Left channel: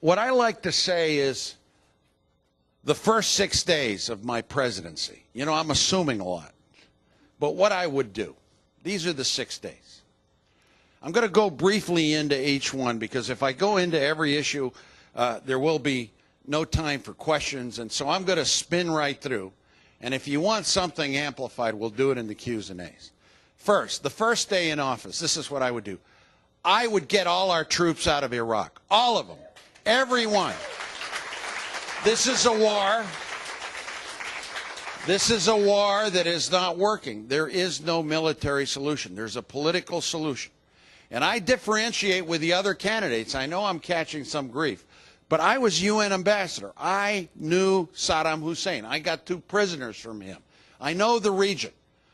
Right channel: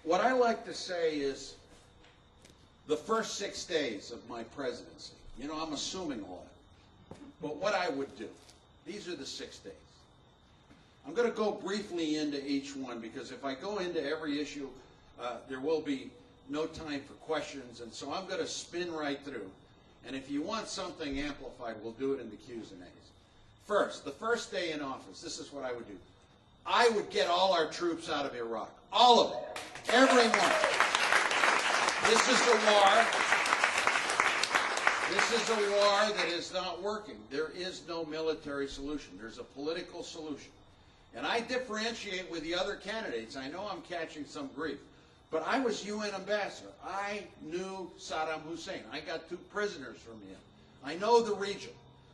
what I like to say is the first 6 days of my presidency, you know, I'm assuming a lot, but what I would do, these are the 6 days. I'm going to go briefly into each one because if I go into every issue, there will be no time for questions, and so I'm going to spin right through. And if you want something amplified, we'll do it in the Q's and A's. First, the first day in office, this is what I would do. I would get all our troops out of Iraq. All of them. Every one. This is a war. This is a war that is not working. There is no military solution. There's a political solution. And I differentiate with the other candidates. I know I'm catching some grief. But I was UN ambassador. I knew Saddam Hussein. I got 2 prisoners from him. I know the region.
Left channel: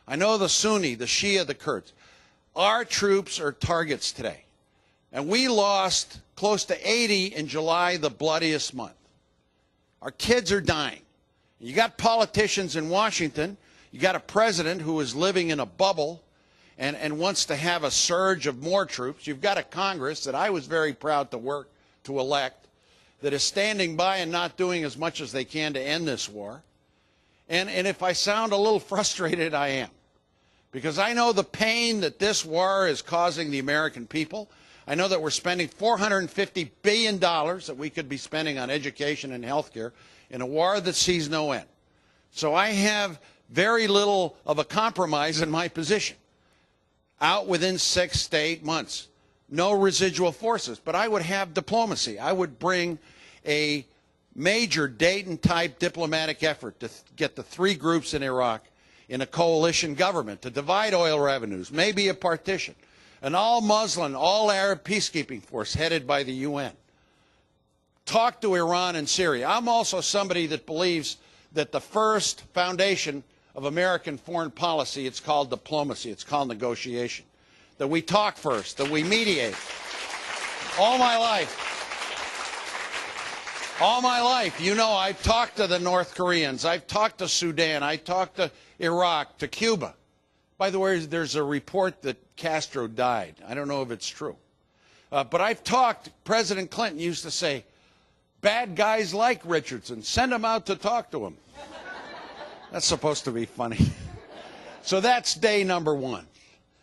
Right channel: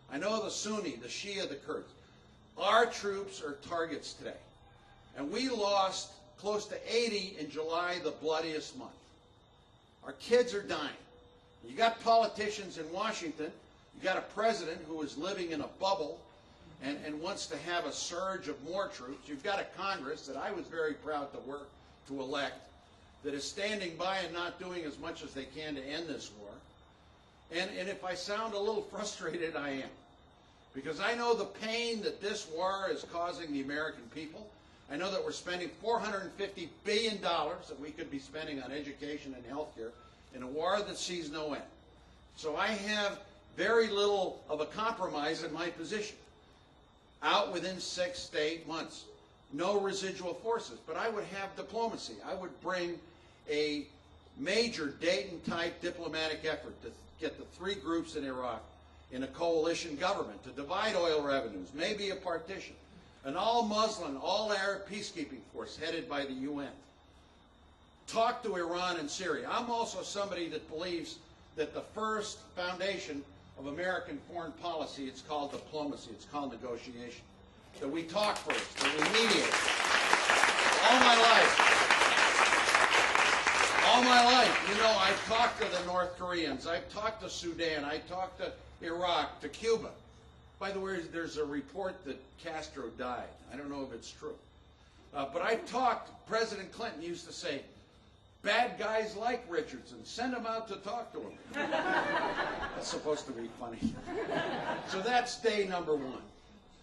I know the Sunni, the Shia, the Kurds. Our troops are targets today. And we lost close to 80 in July, the bloodiest month. Our kids are dying. You got politicians in Washington. You got a president who is living in a bubble and wants to have a surge of more troops. You've got a Congress that I was very proud to work to elect that is standing by and not doing as much as they can to end this war. And if I sound a little frustrated, I am. Because I know the pain that this war is causing the American people. I know that we're spending $450 billion that we could be spending on education and health care in a war that sees no end. So I have very little of a compromise in my position. Out within 6 to 8 months. No residual forces. But I would have diplomacy. I would bring a major Dayton-type diplomatic effort to get the 3 groups in Iraq in a coalition government to divide oil revenues, maybe a partition, an all-Muslim, all-Arab peacekeeping force headed by the UN. Talk to Iran and Syria. I'm also somebody that believes that the first foundation of American foreign policy, it's called diplomacy, it's called negotiation. That we talk first, that we mediate. All my life, you know, I've talked to the North Koreans, I've talked to Sudan, I talked to Iraq, to Cuba. By the way, there's a report that Castro died. I don't know if it's true. But I've talked, President Clinton used to say, bad guys like Richardson, send them out to talk to him. That's supposed to be funny. So that's day number 1.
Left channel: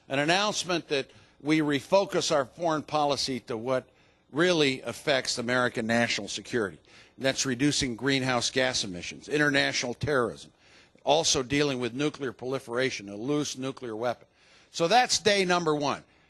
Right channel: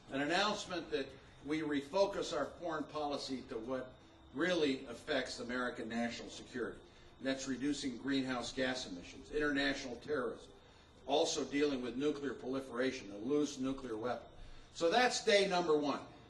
An announcement that we refocus our foreign policy to what really affects American national security. And that's reducing greenhouse gas emissions, international terrorism, also dealing with nuclear proliferation, a loose nuclear weapon. So that's day number 1.